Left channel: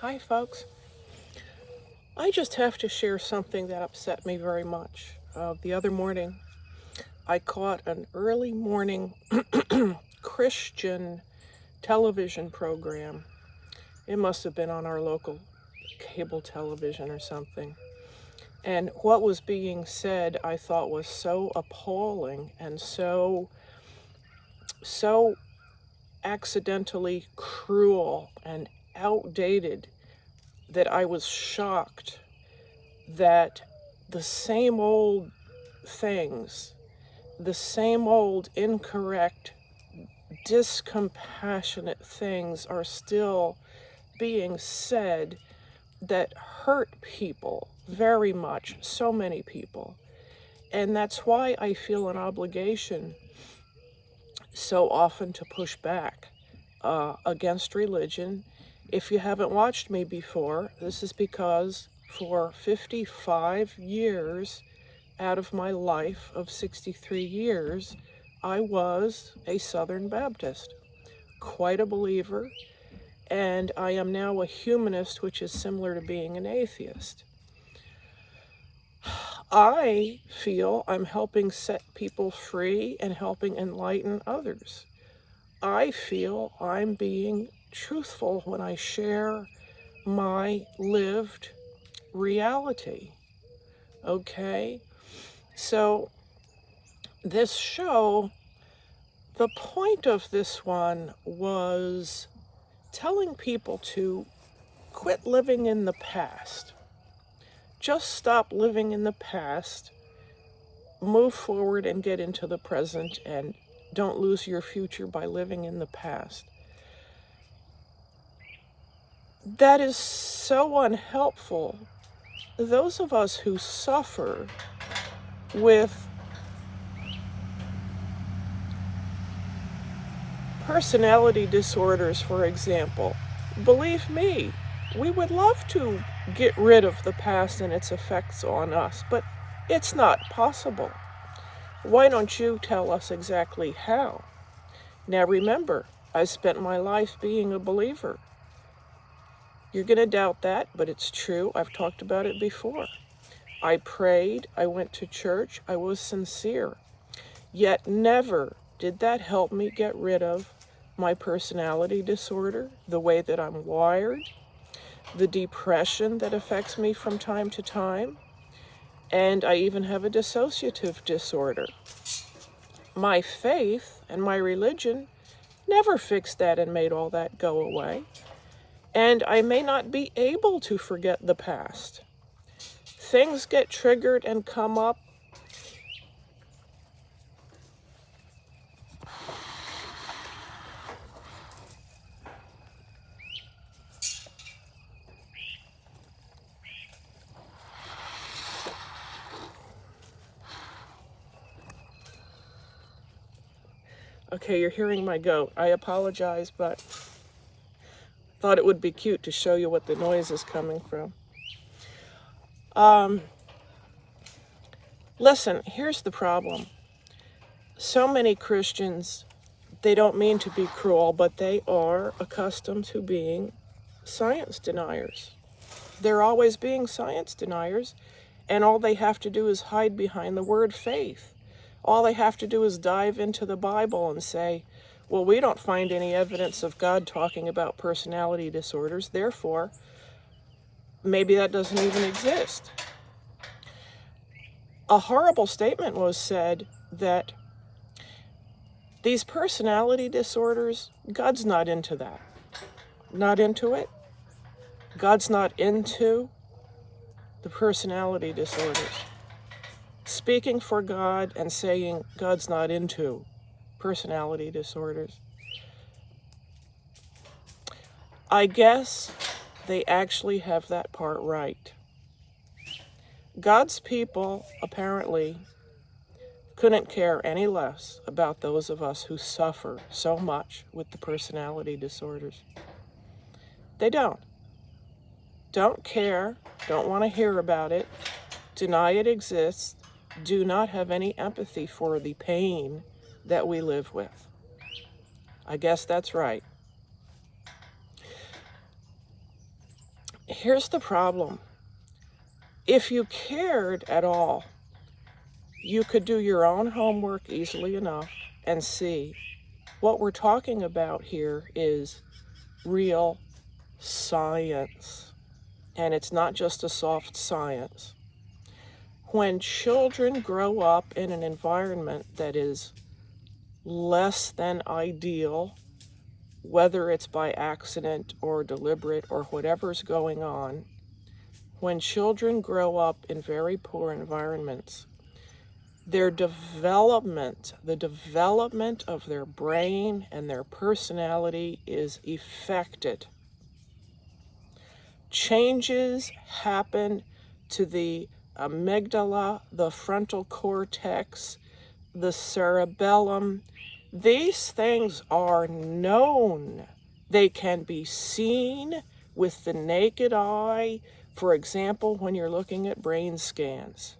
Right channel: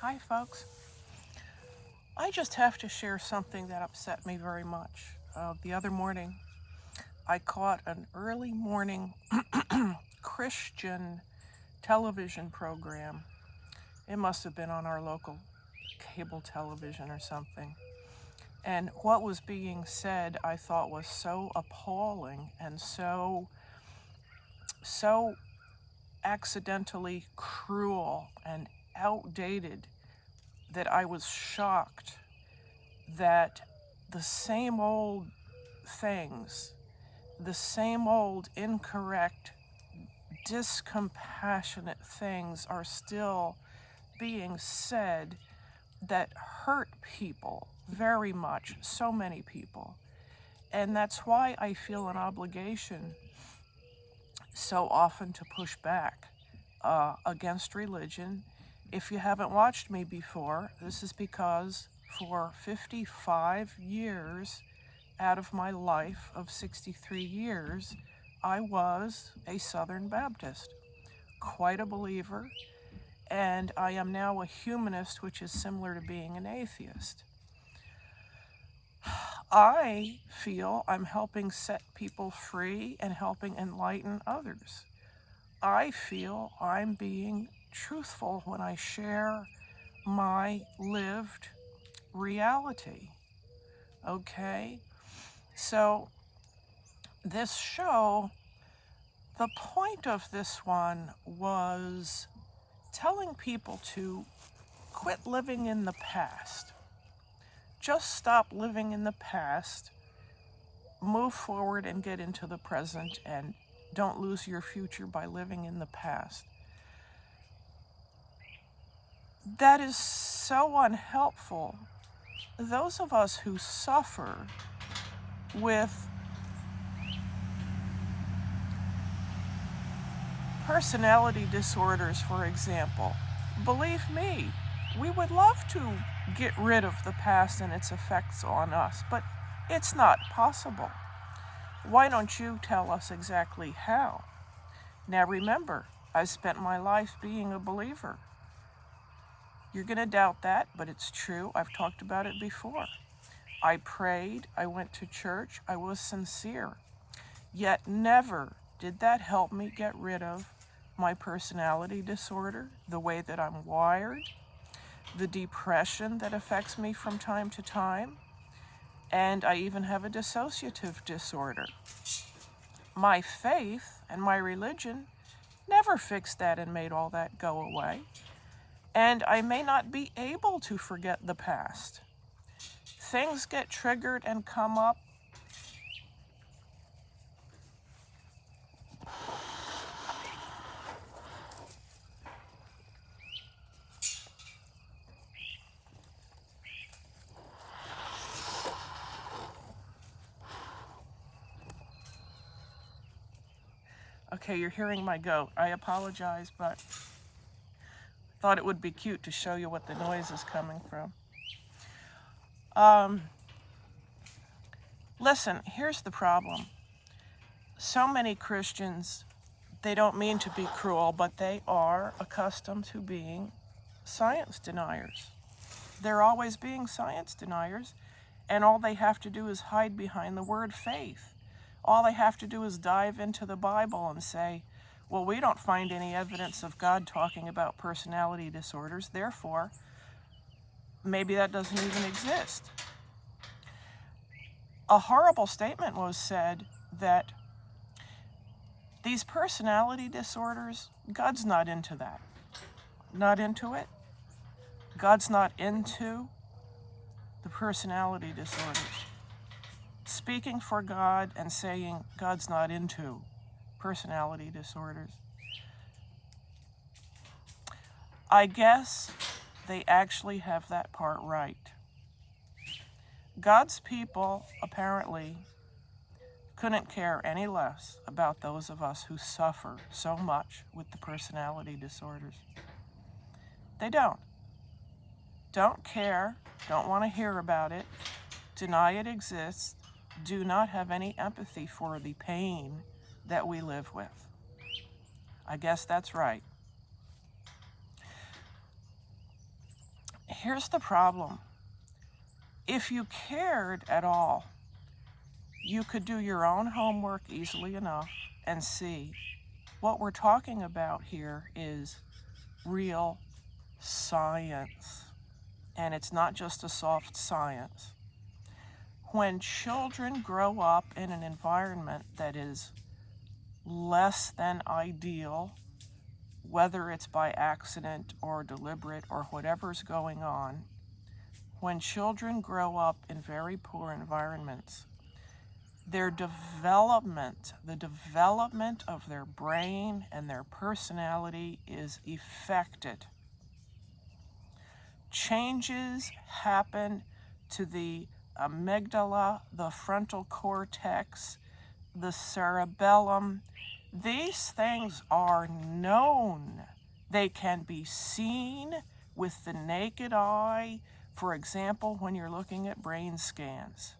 Hi, folks. I just have to share something that upset me very much. The other morning, I caught an early morning Christian television program. It must have been on our local cable television or something. And what was being said, I thought was so appalling and so accidentally cruel and outdated that I was shocked that the same old things, the same old incorrect, discompassionate things are still being said that hurt people very much, so many people. And that's why I feel an obligation so often to push back against religion. If you haven't watched me before, this is because for 55 years out of my life of 63 years, I was a Southern Baptist, quite a believer, and I am now a humanist, which is similar to being an atheist. I feel I'm helping set people free and helping enlighten others. I feel I'm being truthful when I share my lived reality. Okay? So, this show, the point of this one was telling people to quit living in the past. Just stop living in the past, move forward and get into the present, and don't lose your future by living in the past. That is so unhelpful. Those of us who suffer with personality disorders, for example, believe me, we would love to get rid of the past and its effects on us, but it's not possible. Why don't you tell us exactly how? Now remember, I spent my life being a believer. You're going to doubt that, but it's true. I've talked about it before. I prayed, I went to church, I was sincere. Yet never did that help me get rid of my personality disorder, the way that I'm wired, the depression that affects me from time to time, and I even have a dissociative disorder. My faith and my religion never fixed that and made all that go away. And I may not be able to forget the past. Things get triggered and come up. Okay, you're hearing my goat. I apologize, but thought it would be cute to show you what the noise is coming from. Listen, here's the problem. So many Christians, they don't mean to be cruel, but they are accustomed to being science deniers. They're always being science deniers, and all they have to do is hide behind the word faith. All they have to do is dive into the Bible and say, well, we don't find any evidence of God talking about personality disorders, therefore, maybe that doesn't even exist. A horrible statement was said that these personality disorders, God's not into that. Not into it. God's not into the personality disorders. Speaking for God and saying God's not into personality disorders. I guess they actually have that part right. God's people apparently couldn't care any less about those of us who suffer so much with the personality disorders. They don't. Don't care, don't want to hear about it, deny it exists, do not have any empathy for the pain that we live with. I guess that's right. Here's the problem. If you cared at all, you could do your own homework easily enough and see what we're talking about here is real science. And it's not just a soft science. When children grow up in an environment that is less than ideal, whether it's by accident or deliberate or whatever's going on, when children grow up in very poor environments, their development, the development of their brain and their personality is affected. Changes happen to the amygdala, the frontal cortex, the cerebellum. These things are known. They can be seen with the naked eye, for example, when you're looking at brain scans.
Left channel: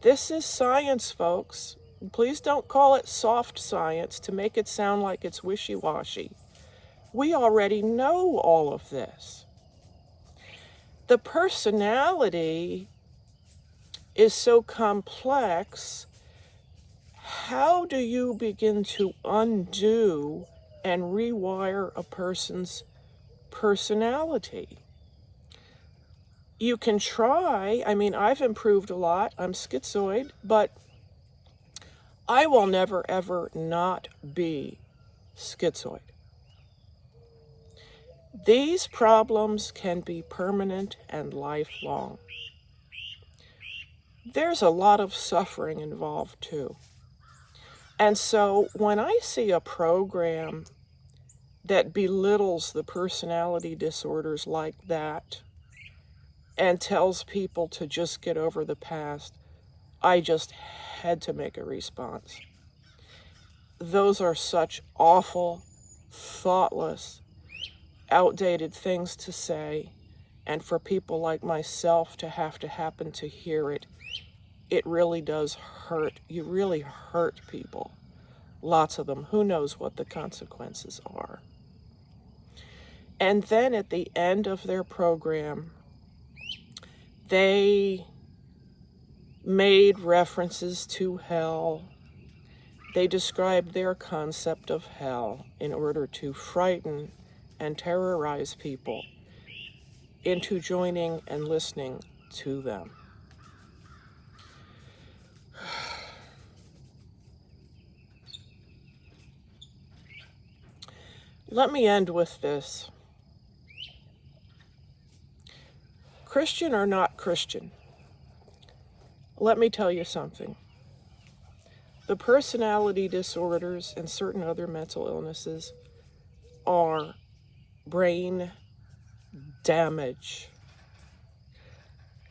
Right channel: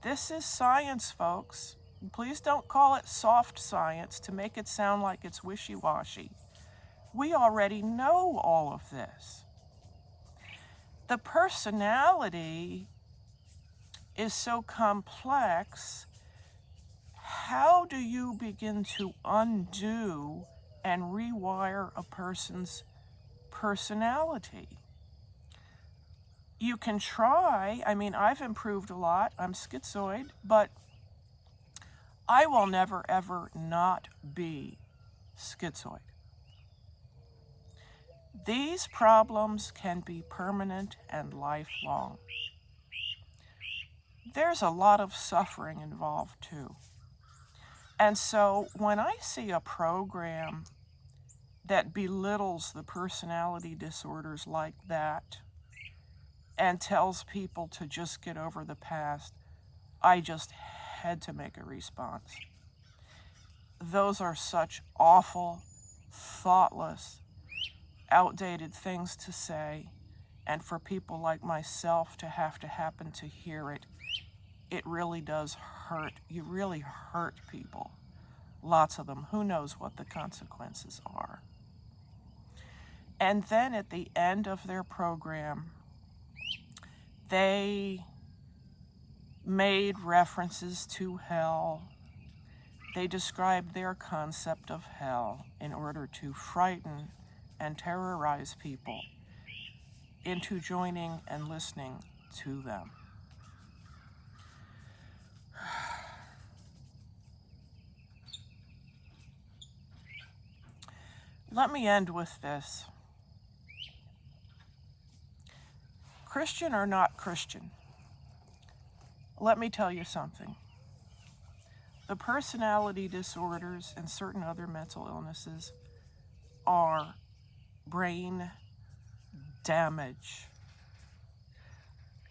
This is science, folks. Please don't call it soft science to make it sound like it's wishy-washy. We already know all of this. The personality is so complex. How do you begin to undo and rewire a person's personality? You can try. I mean, I've improved a lot. I'm schizoid, but I will never, ever not be schizoid. These problems can be permanent and lifelong. There's a lot of suffering involved too. And so when I see a program that belittles the personality disorders like that and tells people to just get over the past, I just had to make a response. Those are such awful, thoughtless, outdated things to say, and for people like myself to have to happen to hear it, it really does hurt. You really hurt people. Lots of them. Who knows what the consequences are? And then at the end of their program, they made references to hell. They described their concept of hell in order to frighten and terrorize people into joining and listening to them. Let me end with this. Christian or not Christian, let me tell you something. The personality disorders and certain other mental illnesses are brain damage.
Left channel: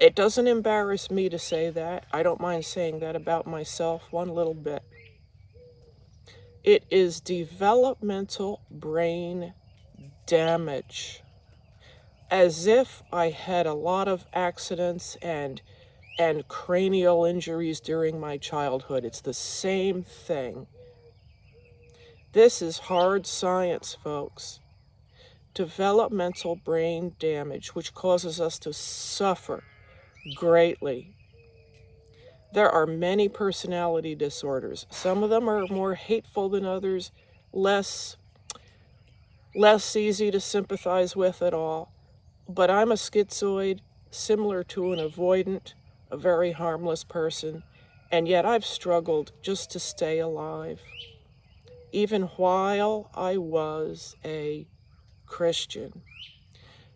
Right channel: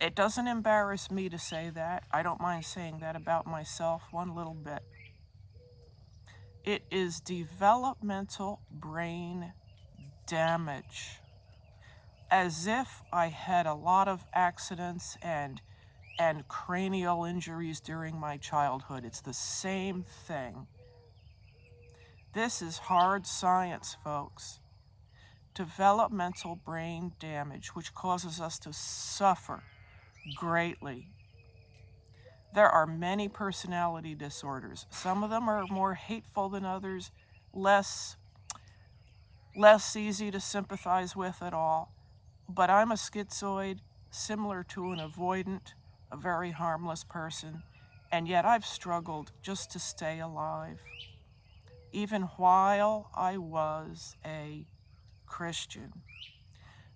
It doesn't embarrass me to say that. I don't mind saying that about myself one little bit. It is developmental brain damage. As if I had a lot of accidents and cranial injuries during my childhood. It's the same thing. This is hard science, folks. Developmental brain damage, which causes us to suffer greatly. There are many personality disorders. Some of them are more hateful than others, less easy to sympathize with at all. But I'm a schizoid, similar to an avoidant, a very harmless person, and yet I've struggled just to stay alive, even while I was a Christian.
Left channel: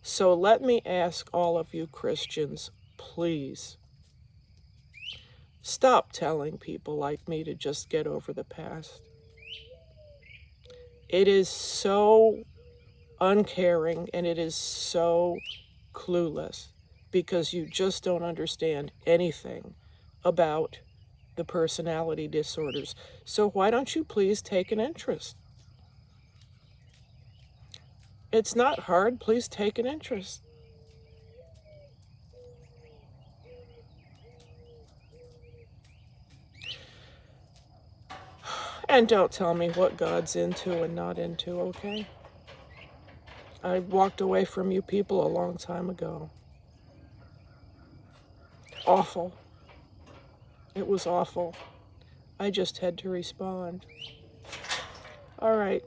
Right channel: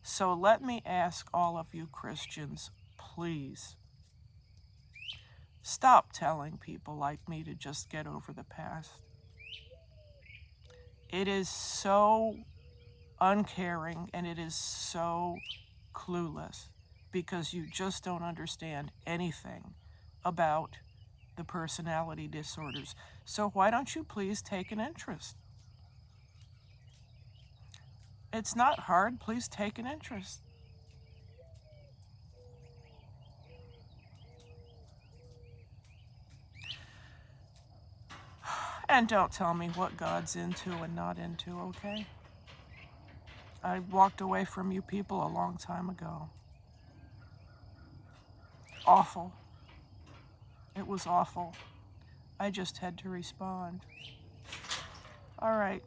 So let me ask all of you Christians, please, stop telling people like me to just get over the past. It is so uncaring and it is so clueless because you just don't understand anything about the personality disorders. So why don't you please take an interest? It's not hard. Please take an interest. And don't tell me what God's into and not into, okay? I walked away from you people a long time ago. Awful. It was awful. I just had to respond. All right.